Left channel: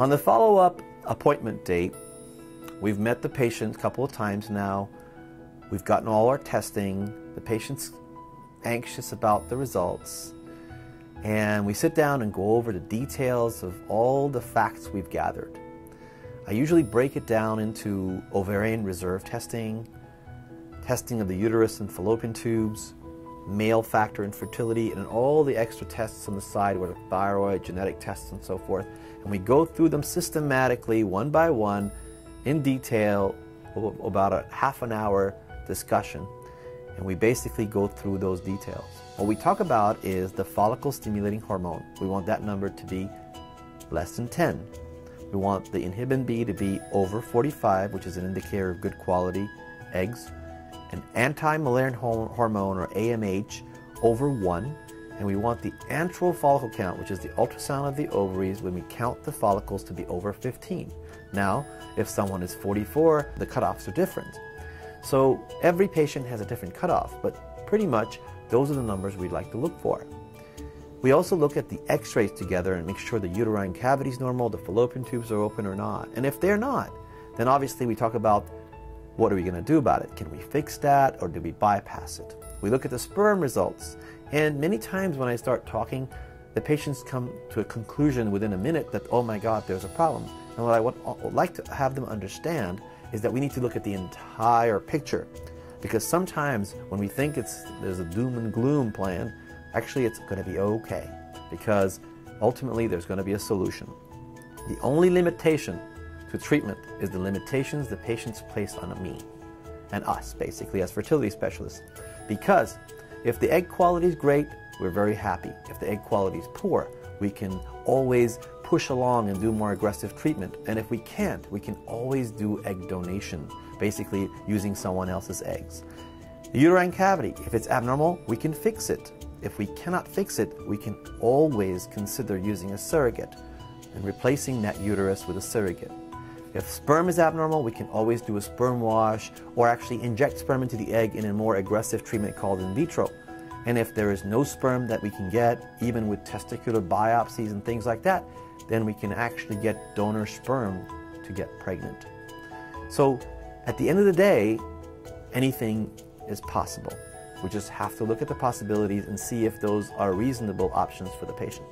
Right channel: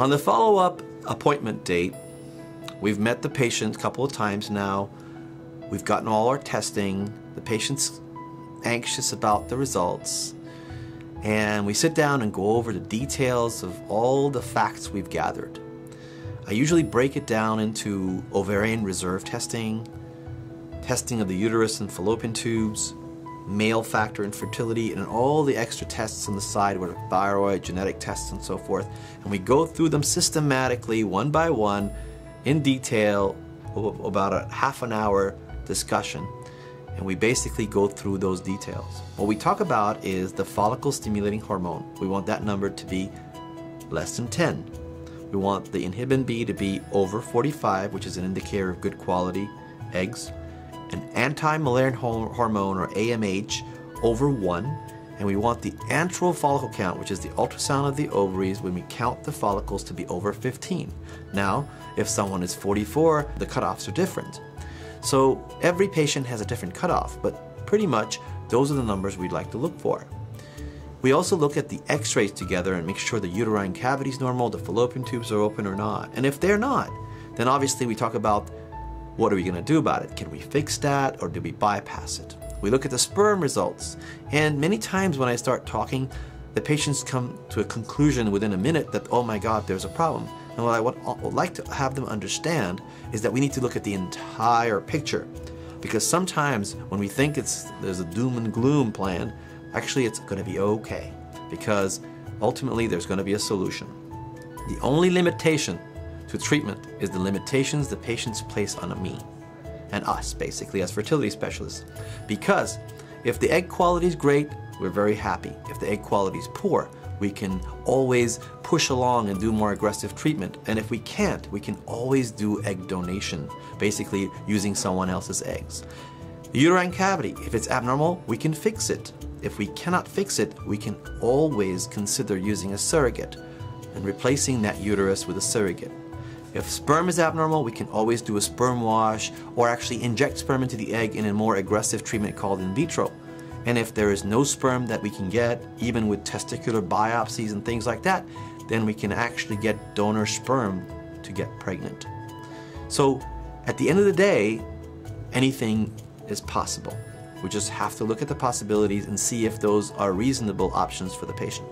On the follow-up appointment date, we've met the patient a couple of times now. We've gotten all our testing. The patient's anxious about the results. And we sit down and go over the details of all the facts we've gathered. I usually break it down into ovarian reserve testing, testing of the uterus and fallopian tubes, male factor infertility, and all the extra tests on the side with thyroid, genetic tests, and so forth. And we go through them systematically, one by one, in detail, about a half an hour discussion. And we basically go through those details. What we talk about is the follicle stimulating hormone. We want that number to be less than 10. We want the inhibin B to be over 45, which is an indicator of good quality eggs. An anti-Mullerian hormone, or AMH, over 1. And we want the antral follicle count, which is the ultrasound of the ovaries when we count the follicles, to be over 15. Now, if someone is 44, the cutoffs are different. So every patient has a different cutoff, but pretty much those are the numbers we'd like to look for. We also look at the x-rays together and make sure the uterine cavity is normal, the fallopian tubes are open or not. And if they're not, then obviously we talk about what are we going to do about it. Can we fix that, or do we bypass it? We look at the sperm results, and many times when I start talking, the patients come to a conclusion within a minute that, oh my God, there's a problem. And what I would like to have them understand is that we need to look at the entire picture. Because sometimes when we think there's a doom and gloom plan, actually it's going to be okay. Because ultimately there's going to be a solution. The only limitation to treatment is the limitations the patients place on me and us, basically, as fertility specialists. Because if the egg quality is great, we're very happy. If the egg quality is poor, we can always push along and do more aggressive treatment. And if we can't, we can always do egg donation, basically using someone else's eggs. The uterine cavity, if it's abnormal, we can fix it. If we cannot fix it, we can always consider using a surrogate and replacing that uterus with a surrogate. If sperm is abnormal, we can always do a sperm wash or actually inject sperm into the egg in a more aggressive treatment called in vitro. And if there is no sperm that we can get, even with testicular biopsies and things like that, then we can actually get donor sperm to get pregnant. So at the end of the day, anything is possible. We just have to look at the possibilities and see if those are reasonable options for the patient.